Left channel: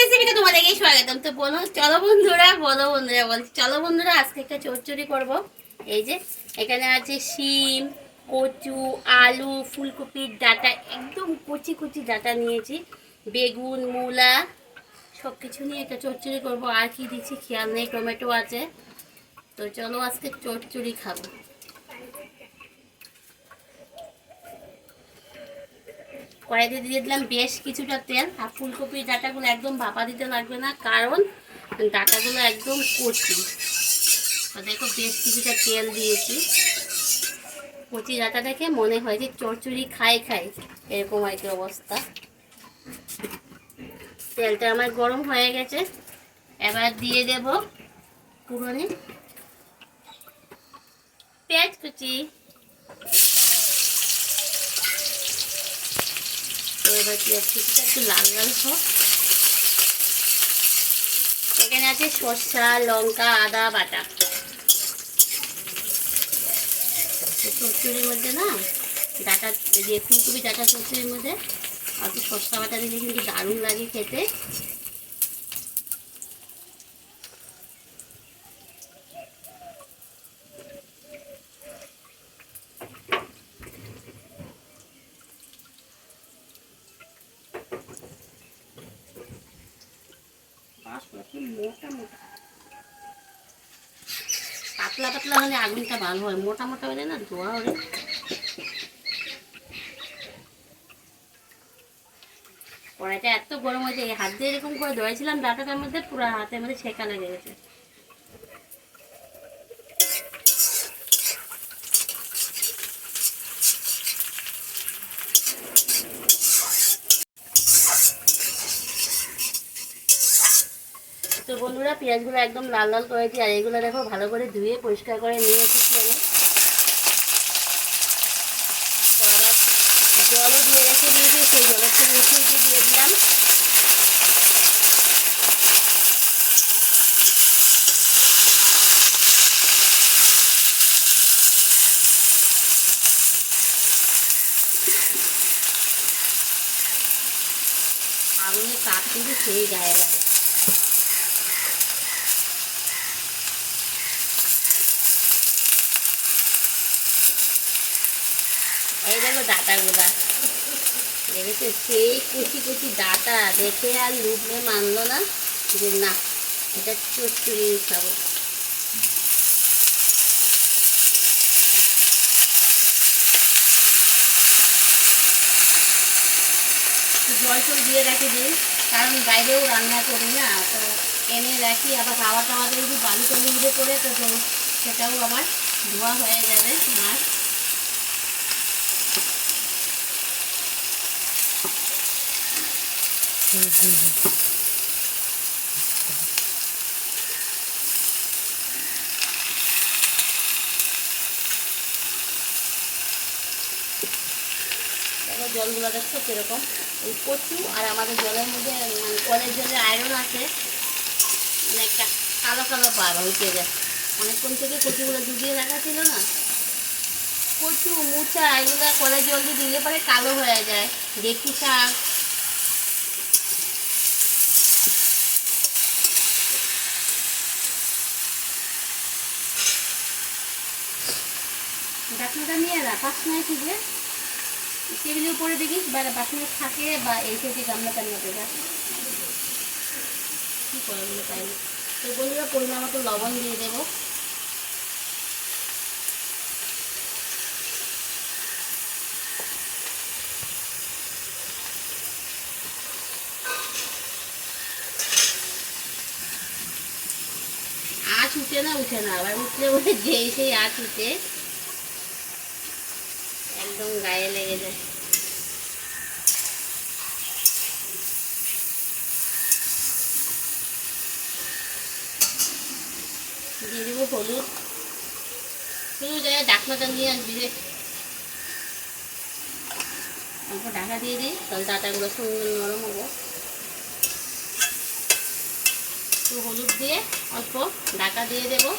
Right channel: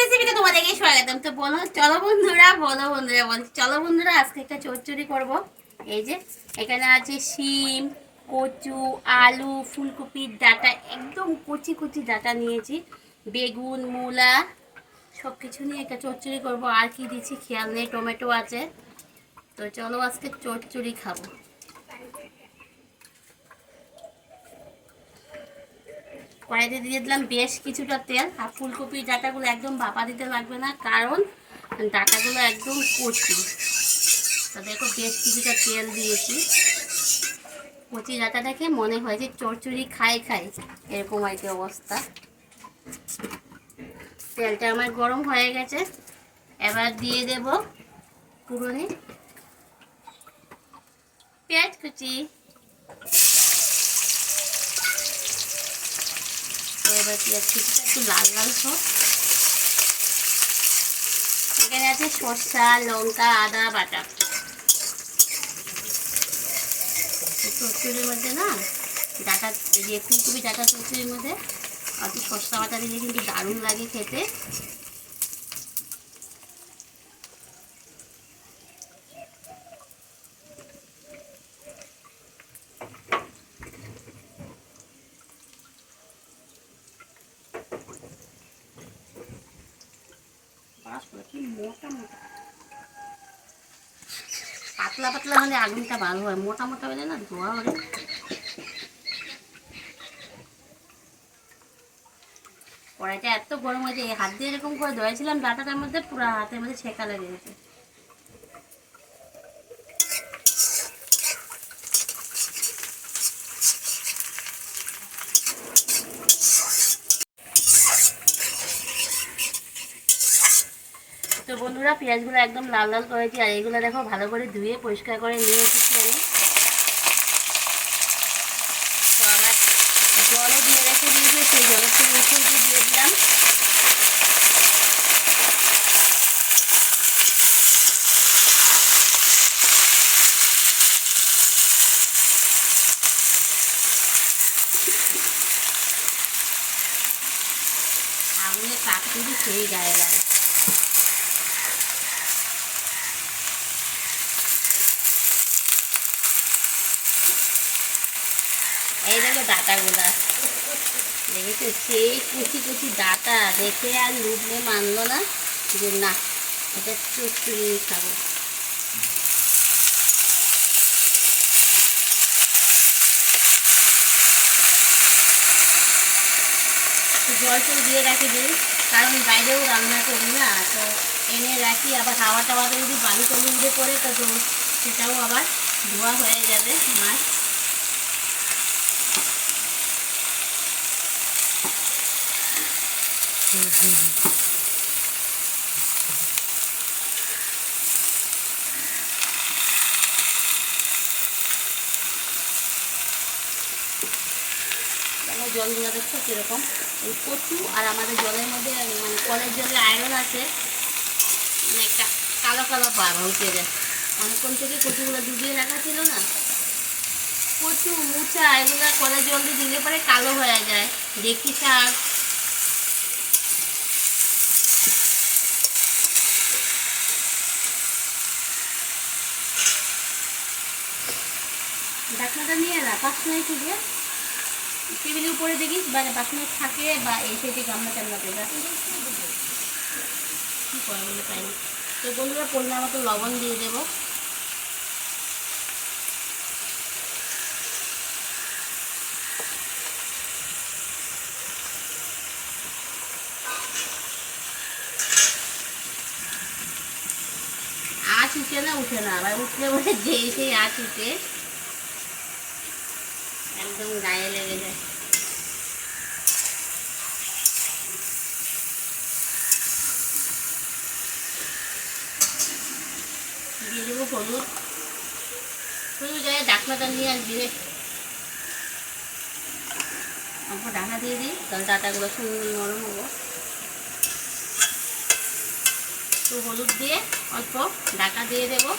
রেসিপিতে তোমাদেরকে স্বাগতম। তো বলো চলো বন্ধুরা, বলছি চলো বন্ধুরা, আজকে একটা চচ্চড়ি করব। এই যে এখানে আছে শিম, কচু, আলু, ফুলকপির ডাঁটা, একদম কুচি কুচি ডাঁটা নিয়েছি, বেগুন, মূলা, সব কিছু নিয়ে একটা চচ্চড়ি করব। আর কি দিচ্ছি খেয়াল নেই, টমেটো আছে। তো চলো আজকে চচ্চড়ি খাবো। কড়াইতে দিয়ে দিলাম বেশ কিছুটা তেল। আর ফুলকপির ডাঁটাগুলো একদম ভাপা দিতে লাগবে না, কারণ ডাঁটাগুলো একদম কচি। তো দেখো বেশ কিছুটা তেল দিয়েছি। কচি ডাঁটা দেখে মনে হয় যে চচ্চড়ি খাই খাই, এরকম আর কি অবস্থা। তেলটা আমার গরম হয়ে গেছে, এবার দিয়ে দেব পুরোনে পেঁয়াজ কুচি। তো এবার পেঁয়াজ কুচিটা একটু লাল লাল হোক। এখানে আছে সর্ষা, লঙ্কা, আদা বাটা। চচ্চড়ির মধ্যে না ডাঁটা দিয়ে ফুলকপি ডাঁটা চচ্চড়ির মধ্যে আর কি সর্ষা বাটা দিলে কিন্তু দারুণ লাগে খেতে। মোটা মোটা পাতলা পাতলা হলে আগুনটা ভালো হয়, মোটা মোটা হলে না ধোয়া হলে। কড়াইটা এত গরম হয়েছে, এই হাত দিয়ে এরকম করে ধরেছিলাম ডাঁটাটার মধ্যে, পুরো হাতের মধ্যে ছেঁকা লেগে গেছে। তো বন্ধুরা পেঁয়াজগুলো একদম লাল লাল করেছি, আর এগুলো দেখো ভালো করে ধুয়ে পরিষ্কার করে নিয়ে এসেছি আমি। তো আবার জলও দিয়ে রেখে দিয়েছি, সেই জলের থেকে উঠে উঠে দিয়ে দিলাম। আগুনের তাপ কিন্তু সেই গায়ে লাগে। এই দেখো ডাঁটাগুলা দেখেছো, সেই কুচি কুচি ডাঁটা দেখে আর লুটলে মানলো না যে না এটা চচ্চড়ি খাবো। জল টল দিয়ে রাখি দিই, কারণ বাইরেও রান্না করি না, তো এনে রাখি। আবার হাওয়া টাওয়াতে যদি বালু টালু উঠে পড়ে তো সেটাও আবার ধোয়া হয়ে যাবে আমার। জলগুলো দেখছো কীরকম, এই কচু আর আমাদের জলের মধ্যে মানে কলের জলে আয়রন আছে, মানে একটা কালো কালো ভাব উঠে যায়। অনেকক্ষণ থেকে কচুগুলো ডুবিয়ে রাখা ছিল না, কচু মুচা এগুলো কলের জল দিয়ে দিলে পরে কালো হয়ে যায়। দেখি শাক, ঢাকনাটা নিয়ে না 5 মিনিট থেকে টেবিলের উপরে দেখিস, বা 5 মিনিট থাকে, বা এই থেকে গামলা টান্না পেয়ে কী করা বলে তাই না। তো বন্ধুরা পরিমাণ মতো লবণ দিয়ে দেবো। আঁচ উঠে না আবার উঠলে বলে যে সেই আঁচ উঠে একদম গায়ে লেগে যায়। দিয়ে দেবো হলুদ, শুধু জায়গায় ঢাকনাটা নিয়ে আর দিয়ে অল্প ঢাকা দিয়ে দিই, তাহলে ডাঁটাগুলো সুন্দর নরম হবো। তো হলুদ দিয়ে অল্প ঢাকা দিয়ে দেবো।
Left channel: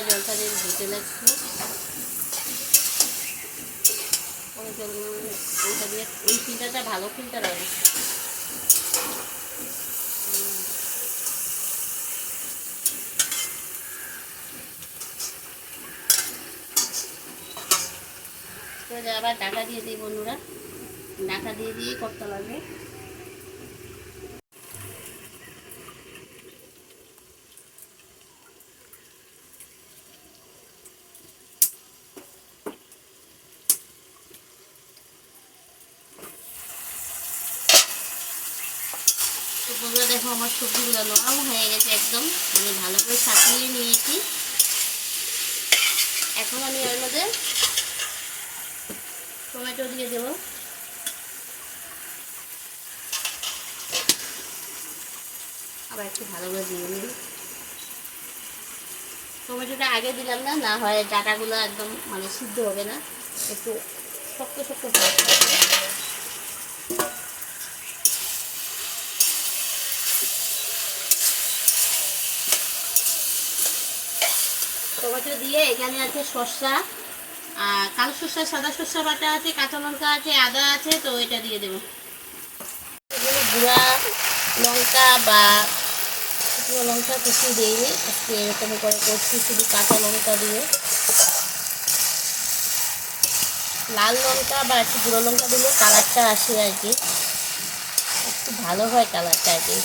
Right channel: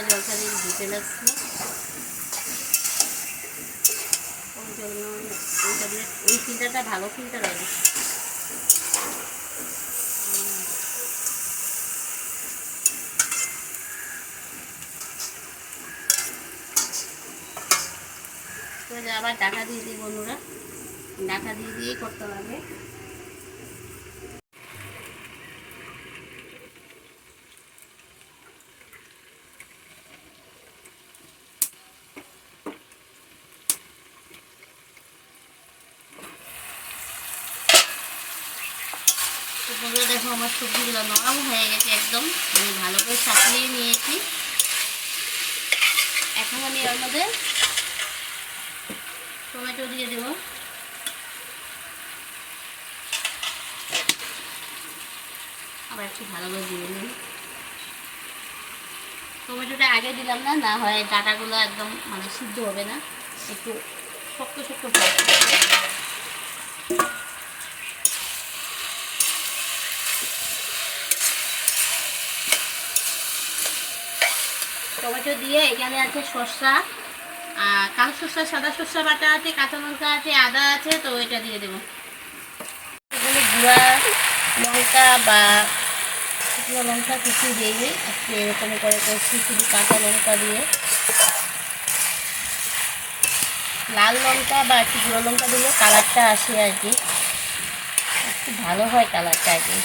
নোংরা জলটা দিয়ে ধুতে লাগছে, ওই জল ওইটা দিয়ে ওই ফিল্টারটা ভালো ফিল্টার হবে। তো আবার ডাটা দিয়ে দিই বন্ধুরা, ডাটা দিয়ে দিয়েই করতে হবে। বন্ধুরা দেখো আমার সবজিগুলো নরম হয়ে গেছে একদম, আমি ভালো করে সাজিয়ে নিয়েছি। এখন আমি এর মধ্যে টমেটো দিয়ে দেবো। আবার একটু ভালো করে দিয়ে নিই। টমেটোটা আগে দিলাম না, না হয় ডাটাগুলো একদম মানে সিদ্ধ হবে না, একটু শক্ত শক্ত হবে। টমেটো দিয়ে এখানে আছে শসা, কালো শসা, সাদা শসা বাটা আছে, কাঁচা লঙ্কা আছে, আদা আছে, তো ওইটা দিয়ে দেবো। এগুলো গুঁড়া লঙ্কা বা শুকনো লঙ্কা কিছু দিয়ে দিই, একটু এরকম করে করছি শুধু কাঁচা লঙ্কা দিয়ে। লাল লঙ্কা বা একটু গুঁড়ো লঙ্কা দিলে কালারটা আসে আর কি, একটু ভালো হয় কালারটা আর কি।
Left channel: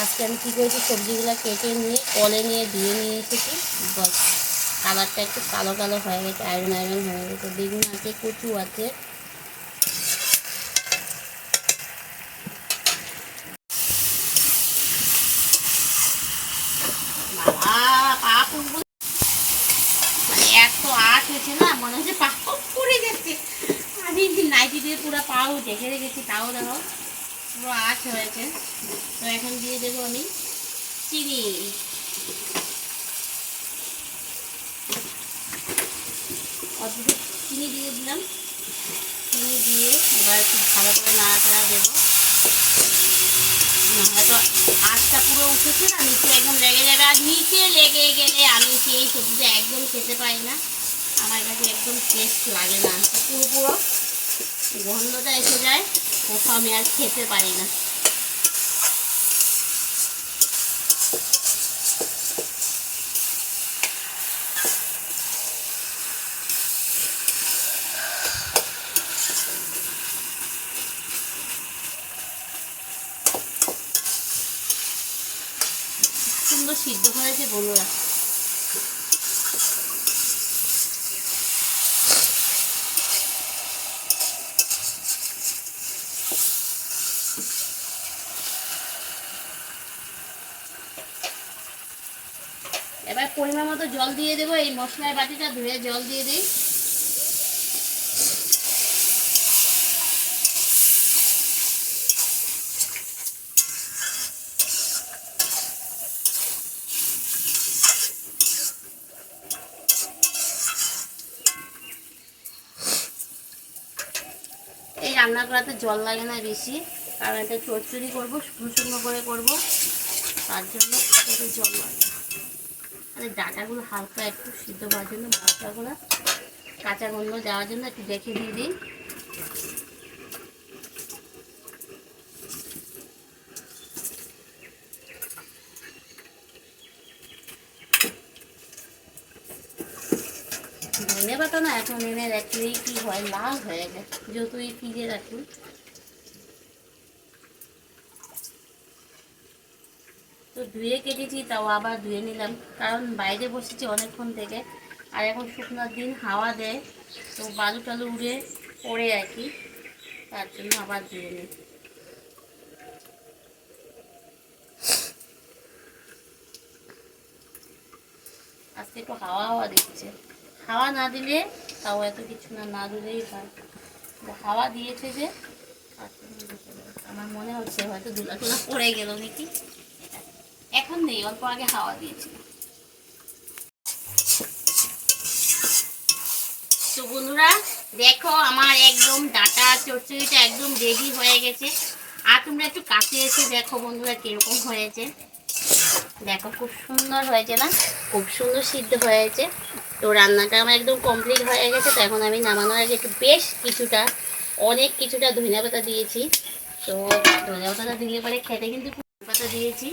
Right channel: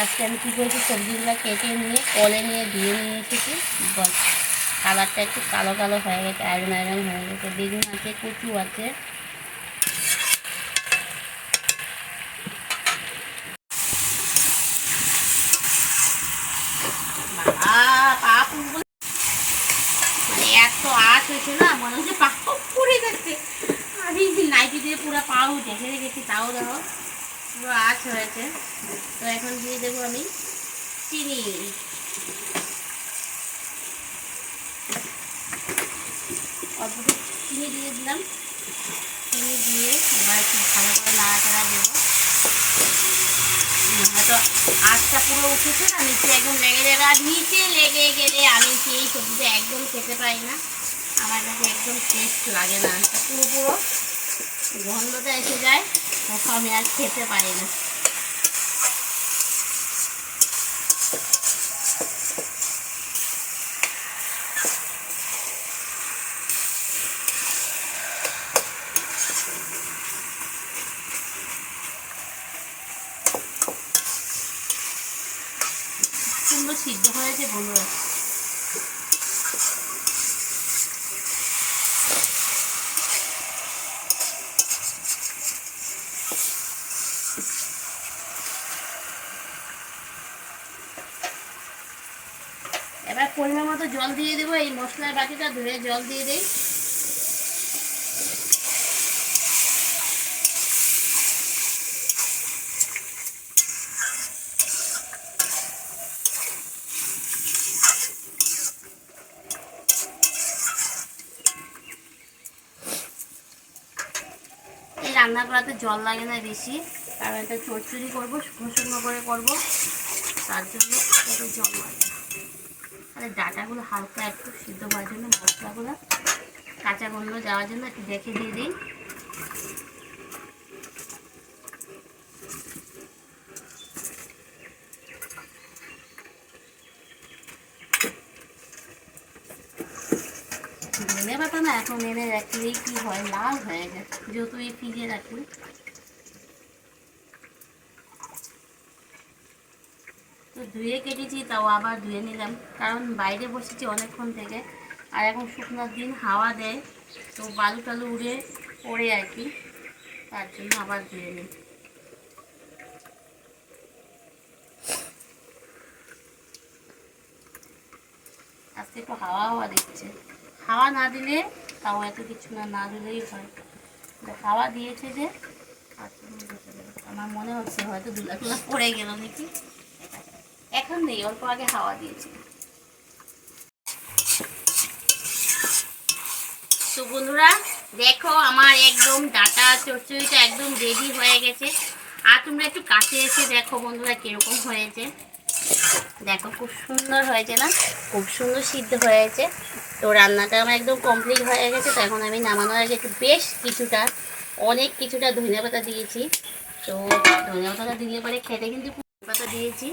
আজকে আমি কী করেছি, সবজিগুলো কেটে নিয়ে কলে নিয়ে ধুয়ে নিয়ে এসেছি, বস কালারটা একটু কালো কালো হয়ে গেছে, আয়রন আয়রন হয়ে গেছে। বেগুন আছে, কচু আছে, মানে এত আট হয়েছে না, মনে হচ্ছে পা পড়ে যাচ্ছে। আমি নাইটি দিয়ে পুরো পাও ঢেকে রেখেছি, তাও দেখো পুরো আঁচ হয়েছে। তো এখন দিয়ে দেবো আমি চিনি। অল্প চিনি দিয়ে দিলাম, চিনি দিয়ে এবার একটু ভালো করে নাড়াচাড়া দেবো। হয়তো আঁচটা পুরো উঠেছে না, নিচে একদম লেগে যাবে, আর নিচে লেগে গেলে আমি সেই সবজিটা একদম খেতে পারি না, আমার কাছে একদম টেস্ট লাগে না। পুরো পুরো গন্ধটা এসে যায়, তখন আমি আর খেতে পারি না। সুন্দর সিদ্ধ হয়েছে বন্ধুরা। এবার পরিমাণ মতো জল দিয়ে দেবো, এই মশলার বাটিটা ধুয়ে জল দিয়ে দিই। এই রান্না করাতে জল লাগে না বেশি, কারণ এটা চচ্চড়ি করবো, শুকনো শুকনো করে করবো, তার জন্য এত জল লাগে না। আর ডাটাগুলো হালকা একটু সিদ্ধ হওয়ার জন্য, মশলাগুলো কাঁচা গন্ধ যাওয়ার জন্য একটু দেখে দিয়ে দিই। ধনে পাতা না এখন এনে রাখলেই কি হয়, লাল হয়ে যায়, যতই ফ্রিজে রাখি। তো ধুয়ে কেটেছি, তাও আবার ধুয়ে নিলাম, কারণ বাইরে বসেছি অনেকক্ষণ থেকে, আর এখন শুকনোর দিন হাওয়া দেয়, তো বালু টালু উড়ে পড়ে আর কি, তার জন্য আবার ধুয়ে নিই। আজকে একটু হাওয়া হাওয়া দিচ্ছে, হাওয়া না দিলে তাও এত কিছু না, না দিলেই হয়, হাওয়া দিয়েছে যে আমার মনে হচ্ছে হয়তো ধুলা টুলা পড়ে গেল নাকি, এখন নেই, অল্প আগে হাওয়া দিয়েছিল। তো বন্ধুরা দেখো আমার একদম ডাটা চচ্চড়িটা একদম রেডি হয়ে গেছে, আর তোমরা একটু কাছে এসে দেখো বন্ধুরা কিরকম হয়েছে। দেখো খুব সুন্দর হয়েছে না, খুব সুন্দর সিদ্ধ হয়েছে। তো রান্নাটা আমার একদম কমপ্লিট হয়ে গেছে। তো এখন আমি নামানোর আগে একটু বেশ কিছুটা, অনেক কিছুটা ধনিয়া পাতা দিয়েছি। তো ধনিয়া পাতাটা দিলে পরে খেতে কিন্তু ধনিয়া পাতা দিয়েছি,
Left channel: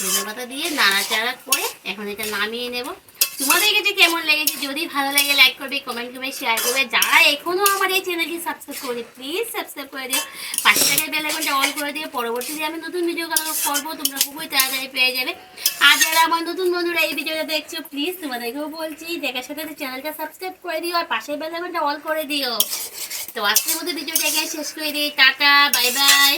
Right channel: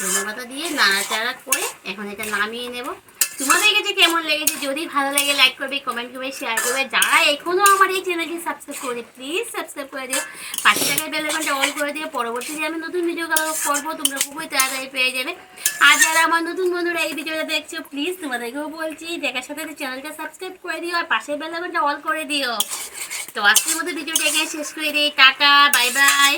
ধনিয়া পাতা দিয়ে নাড়াচাড়া করে এখন এটা নামিয়ে নেব। তোমাদের কাছে কেমন লেগেছে? যদি ভালো লাগে লাইক করবে, কমেন্ট করবে, শেয়ার করবে। যারা এখনও আমার এই চ্যানেলটি সাবস্ক্রাইব করে প্লিজ সাবস্ক্রাইব করে দিও, পাশে থাকা বেল আইকনটা অল করে দিয়ে পরবর্তীতে আমি নতুন ভিডিও করবো তোমরা খুবই তাড়াতাড়ি পেয়ে যাবে। আর যারা আমার নতুন বন্ধুরা এই ভিডিওটা দেখছো প্লিজ তোমাদেরকেও বলছি দেখার সাথে চ্যানেলটা সাবস্ক্রাইব করে দিও আর পাশের বেল আইকনটা অল করে দিও। তো আজকের মতো ভিডিওটা এখানে শেষ করে দিই। Tata, bye bye.